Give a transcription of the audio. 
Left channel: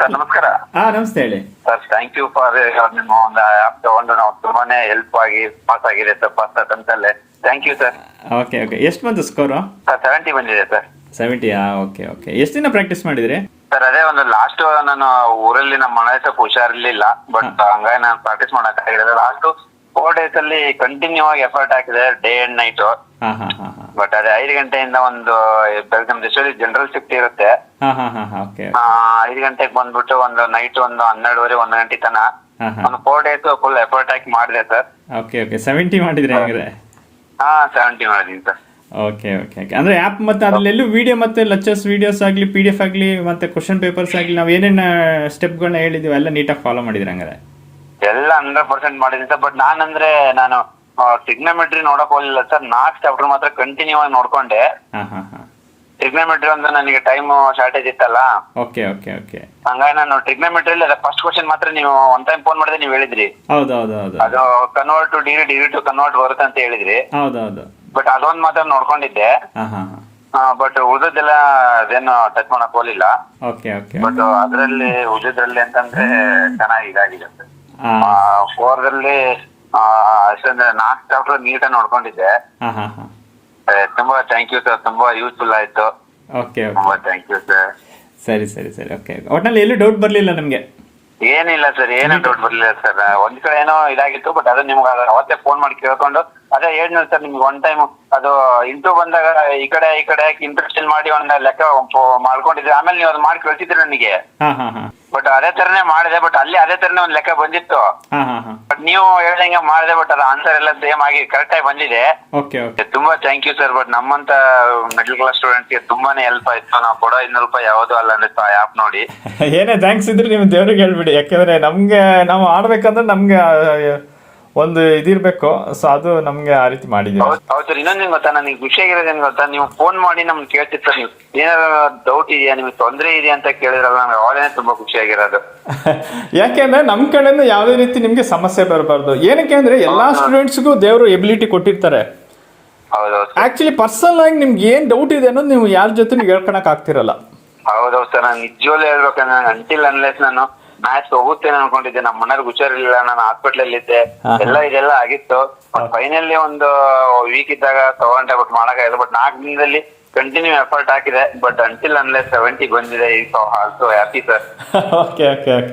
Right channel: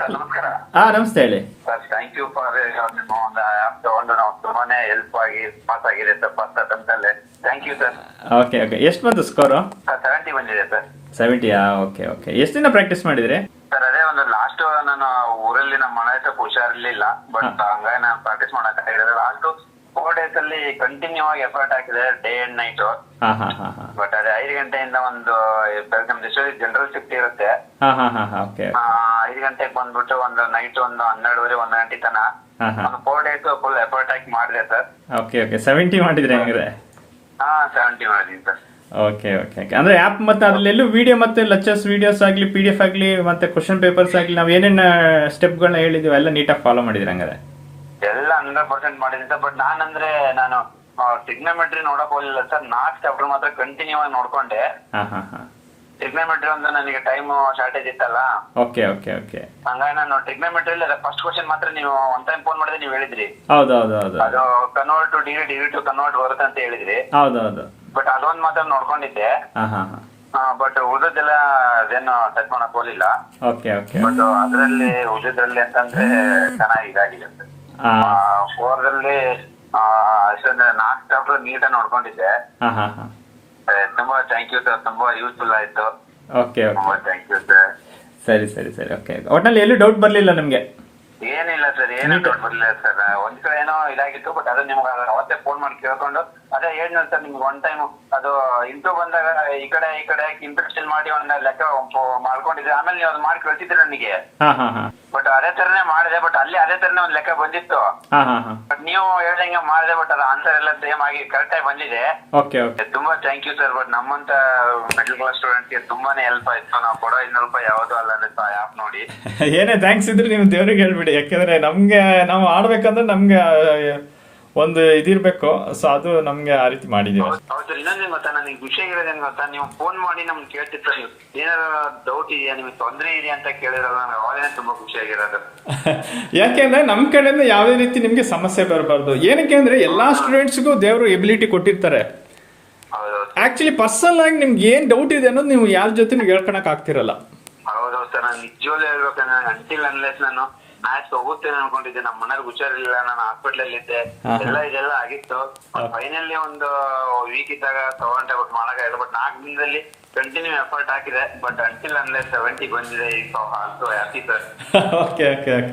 Sir ನಮಸ್ಕಾರ. ನಮಸ್ತೆ ಹೇಳಿ. ಸರ್ ಥ್ಯಾಂಕ್ ಯು ಫಾರ್ ನಿಮ್ಮ ಒಂದು ಆ್ಯಪ್ ತಗೊಂಡು ನಾವು ತುಂಬಾನೇ ಹೆಲ್ಪ್ ಆಗಿ ಪಾಸ್ ಆಗಿದೆ ಸರ್ ಫಸ್ಟ್ ಅಟೆಂಪ್ಟ್ ಅಲ್ಲೇ. Thank you sir. Okay okay, ಎಷ್ಟು ಬಂತು ಸ್ಕೋರು? ಸರ್ 70 ಬಂದಿದೆ ಸರ್. 70ಯಾ? Okay okay. ಎಷ್ಟು ದಿನ ಪ್ರಾಕ್ಟೀಸ್ ಮಾಡಿದ್ರಿ? ಸರ್ ಅದೇ ಒಂದು ಲಾಸ್ಟ್ ನಾನು ಊರಲ್ಲಿ ನಮ್ಮ ಮನೆ ಸ್ವಲ್ಪ ಹುಷಾರಿರ್ಲಿಲ್ಲ, ಬಟ್ ಹಂಗಾಗಿ ನಾನು ಪ್ರಾಕ್ಟೀಸ್ ಮಾಡಕ್ಕಾಗಿಲ್ಲ. ಲಾಸ್ಟ್ 4 days ಅಲ್ಲಿ ಕಂಟಿನ್ಯೂ ಆಗಿ ಎಫರ್ಟ್ ಹಾಕಿದೆ, ಡೇ ಅಂಡ್ ನೈಟ್. ಹಾಂ ಹಾಂ ಹಾಂ ಹಾಂ ಬಟ್ ಅದೇ 5 ಗಂಟೆಯಿಂದ ಒಂದು ನಮ್ದು ಎಷ್ಟೊಂದು ಜನರಲ್ ಶಿಫ್ಟ್ ಇರುತ್ತೆ. ಹಾಂ ಹಾಂ ಹಾಂ ಹಾಂ ಓಕೆ. 5 ಗಂಟೆಗೆ ಬಂದ್ಬಿಟ್ಟು ಒಂದು ನೈಟ್ ಒಂದು 12:30 1 ಗಂಟೆ ತನ ಹಾಂ ಹಾಂ ಒಂದು 4 days ಫುಲ್ ಎಫರ್ಟ್ ಹಾಕಿ ಮಾಡಿದೆ ಸರ್. Okay okay. 70 ಮಾಡಿದ್ರಿ ಹೆಂಗ್ರೆ? 70 ಮಾಡಿದೀನಿ ಸರ್. Okay okay okay. ಅಂದರೆ ಆ್ಯಪ್ ಮತ್ತು ಅದರಲ್ಲೆಲ್ಲೂ ವಿಡಿಯೋ ಮತ್ತು ಲೆಕ್ಚರ್ಸ್ ವೀಡಿಯೋಸ್ ಆಗಲಿ, PDF ಆಗಲಿ, ಮತ್ತು ಕ್ವಶನ್ ಪೇಪರ್ಸ್ ಆಗಲಿ, ನಾವು ಏನೇನು ಸ್ಟೆಪ್ಗಳನ್ನ ಹೇಳಿದ್ದೀವಿ ಎಲ್ಲ ನೀಟಾಗಿ ಫಾಲೋ ಮಾಡಿದ್ರಿ ಹಂಗಾರೆ? ಎಲ್ಲ 100% ಮಾಡಿದೀನಿ ಸರ್. ಬಟ್ ನಾನು ಟ್ರಿಗ್ನೋಮೆಟ್ರಿ ನೋಡಕ್ ಹೋಗ್ಲಿಲ್ಲ ಸರ್. 4 ಚಾಪ್ಟರ್ ಮಾತ್ರ ಕಂಟಿನ್ಯೂ ಆಗಿ ನೋಡ್ಕೊಂಡೆ. ಹಾಂ ಹಾಂ ಹಾಂ ಟ್ರಿಗ್ನೋಮೆಟ್ರಿ ಒಂದು ನನಗೆ ಟೈಮ್ ಶಾರ್ಟೇಜ್ ಇತ್ತಲ್ಲ, ಓಕೆ ಓಕೆ ಓಕೆ. ಹಂಗಾಗಿ ನಾನು ಟ್ರಿಗ್ನೋಮೆಟ್ರಿ ಫಸ್ಟ್ ಕ್ವಶನ್ ಮಾತ್ರ ನೀವು ಒನ್ ಟೈಮ್ ಫೋನ್ ಮಾಡಿದ್ರೆ ನೀವು ಹೇಳಿದ್ರಿ ಹೌದು ಹೌದು ಹೌದು. ಅದು convert to degree to convert ಬರುತ್ತೆ ಅಂತ ಹೇಳಿದ್ರಿ. ಹೌದು ಹೌದು. ಬಟ್ ಅದೊಂದ್ ಮಾತ್ರ ನೋಡ್ಕೊಂಡಿದ್ದೆ. ಹಾಂ ಹಾಂ ಹಾಂ ಬಟ್ ಉಳಿದದ್ದೆಲ್ಲ ಅದೇನು ಟಚ್ ಮಾಡಕ್ ಹೋಗ್ಲಿಲ್ಲ. Okay okay. ಬಟ್ ಅದ್ರಲ್ಲಿ ಉಳಿದ್ರಲ್ಲಿ ಅಂತಂದ್ರೆ ಚೆನ್ನಾಗಿ ಇದಾಗಿದೆ ಸರ್. ಹಾಂ 4ರಲ್ಲಿ ಅಷ್ಟೊಂದು 4 ಚಾಪ್ಟರ್ ನೀಟಾಗಿ ನೋಡ್ಕೊಂಡಿದ್ದೆ. ಹಾಂ ಹಾಂ ಹಾಂ ತುಂಬಾ ಥ್ಯಾಂಕ್ ಯು ಸರ್. ತುಂಬಾ ಯೂಸ್ಫುಲ್ ಆಯ್ತು. Okay okay. ತುಂಬಾ ಥ್ಯಾಂಕ್ ಯು ಸರ್. ಸರಿ ಸರಿ ಸರಿ. ಓಕೆ. ಒಟ್ಟಿನಲ್ಲಿ ಎಲ್ಲೂ ಡೌಟ್ ಬರಲಿಲ್ಲ ನಿಮಗೆ? ಏನಿಲ್ಲ ಸರ್, ಏನೂ ಡೌಟ್ ಬರ್ಲಿಲ್ಲ ಸರ್. ಒಂದ್ ಕಡೆ ಏನೋ ಇದಾಗಿತ್ತು, ಬಟ್ ಅದು ನಿಮ್ಗೆ ಅವತ್ತೇ ಫೋನ್ ಮಾಡಿ ಕೇಳ್ಕೊಂಡು ಅದೇ ಹೇಳಿದ್ನಲ್ಲ ಸರ್ ನಿಮ್ಗೆ ಒನ್ ಟೈಮ್ ಅದು ಇಂಟು ಬಂದಾಗ ಈ ಕಡೆ ಇಂಟ್ರೆಸ್ಟ್ ಮಾಡಿ ಒಂದು ಲೆಕ್ಕ ಮಾಡ್ಕೊಂಡಿದ್ದೆ. ಆಮೇಲೆ ನೀವು ಅದು ಮಾಡಿ ಕಳ್ಸಿದ್ರಿ ನನಗೆ. ಹಾಂ ಹಾಂ ಹಾಂ ಬಟ್ ಅದೇ ತರನೇ ಮಾಡಿದೆ. ಬಟ್ ಅಲ್ಲಿ ಅದೇ ತರನೇ ಒಂದ್ ಲೆಕ್ಕ ಬಂದಿತ್ತು. ಹಾಂ ಹಾಂ ಹಾಂ ಬಟ್ ನೀವು ಹೇಳ್ದಂಗೆ ಮಾಡಿದೆ. ಬಟ್ ಅದು ಆನ್ಸರ್ ಎಲ್ಲ ಸೇಮ್ ಆಗಿ ಕರೆಕ್ಟ್ ಆಗಿ ಬಂದಿದೆ. Okay okay. ತುಂಬಾ ಥ್ಯಾಂಕ್ ಯು ಸರ್. ಬಟ್ ನಮ್ಮಂತ ಮಿಡಲ್ ಕ್ಲಾಸ್ ಸ್ಟೂಡೆಂಟ್ಸ್ಗೆ ತುಂಬಾನೇ ಹೆಲ್ಪ್ ಆಯ್ತು. ನಾವು ಕೊಡೋ 200 ರೂಪಾಯಿ ಯಾವುದೂ ಅಲ್ಲ ಅಂದ್ರೆ ಆ್ಯಪ್ ನೋಡಿ. ಏನೇ ಥ್ಯಾಂಕ್ಸ್ ಇದ್ರೆ ನೀವು ದೇವ್ರಿಗೆ ಹೇಳ್ಬಿಡಿ. ಯಾಕೆಂದರೆ ನಮಗೆ ನಾವು ಆಡ್ಬೇಕಂದ್ರೆ ನಮಗೆ ಒಂದು ಇದಿರಬೇಕು. ಸೊ ಅದು ನಮಗೆ ಆ ರೀತಿ ಮಾಡಿದ್ದೀವಿ. ಹೌದು ಸರ್. ಇನ್ನೊಂದೇನು ಗೊತ್ತಾ, ನನಗೆ ಖುಷಿ ಆಗಿರೋದೇನು ಗೊತ್ತಾ, ನೀವು ಫೋನ್ ಮಾಡಿ ನಮ್ಗೆ ಕೇಳ್ತಿರ್ತಾರೆ, ನೀವು ಏನಾದ್ರು ಡೌಟ್ ಇದೆಯಾ, ನಿಮ್ಗೆ ತೊಂದರೆ ಇದೆಯಾ ಅಂತ ಕೇಳಿದ್ರಲ್ಲ, ನಮ್ಗೆ ಅವಾಗನೇ ತುಂಬಾ ಖುಷಿ ಆಗಿರೋದು. ಯಾಕೆಂದ್ರೆ ನಮ್ಮ ಕಡೆಯಿಂದ ಯಾವುದೇ ರೀತಿ ನಿಮಗೆ ಸಮಸ್ಯೆ ಬರಬಾರ್ದು. ಏನಕ್ಕೆ ಅಂದರೆ ಎಲ್ಲ ಸ್ಟೂಡೆಂಟ್ಸ್ಗೂ ದೇವರು ಎಬಿಲಿಟಿ ಕೊಟ್ಟಿರ್ತಾರೆ. ಹೌದೌದು. ಆ್ಯಕ್ಚುಲಿ ಪರ್ಸನಲ್ ಆಗಿ ನಿಮ್ಗೆ ಏನು ಡೌಟ್ ಇದೆ ಅನ್ನೋದು ನೀವು ಯಾರ ಜೊತೆ ಹೇಳ್ಕೊಳಕ್ ಆಗ್ತಿರಲ್ಲ. ಹೌದೌದು ಸರ್. ನಾನು ನಿಜವಾಗ್ಲೂ ಹೇಳ್ಬೇಕಂದ್ರೆ ನಾನು ಅಂಟಿಲ್ ಅನ್ಲೆಸ್ ನಾನು ಮ್ಯಾಚ್ ಹೋಗುತ್ತೇನೆ ಅನ್ಕೊಂಡಿದ್ದೆ. ನಮ್ಮ ಮನೆಯವ್ರಿಗೆ ಹುಷಾರಿರ್ಲಿಲ್ಲ, ನಾನು ಹಾಸ್ಪಿಟಲ್ ಅಲ್ಲಿ ಇದ್ದೆ, ಇದೆಲ್ಲ ಆಗಿತ್ತು. ಫೈನಲಿ ಒಂದು ವೀಕ್ ಇದ್ದಾಗ ತಗೊಂಡೆ, ಬಟ್ ಮಾಡಕ್ಕಾಗಿಲ್ಲ. ಬಟ್ 4 ದಿನದಲ್ಲಿ ಕಂಟಿನ್ಯೂ ಎಫರ್ಟ್ ಹಾಕಿದೆ. ಬಟ್ ಅಂಟಿಲ್ ಅನ್ಲೆಸ್ 70 ಬಂದಿದೆ. ಈಗ also happy sir. Okay okay okay.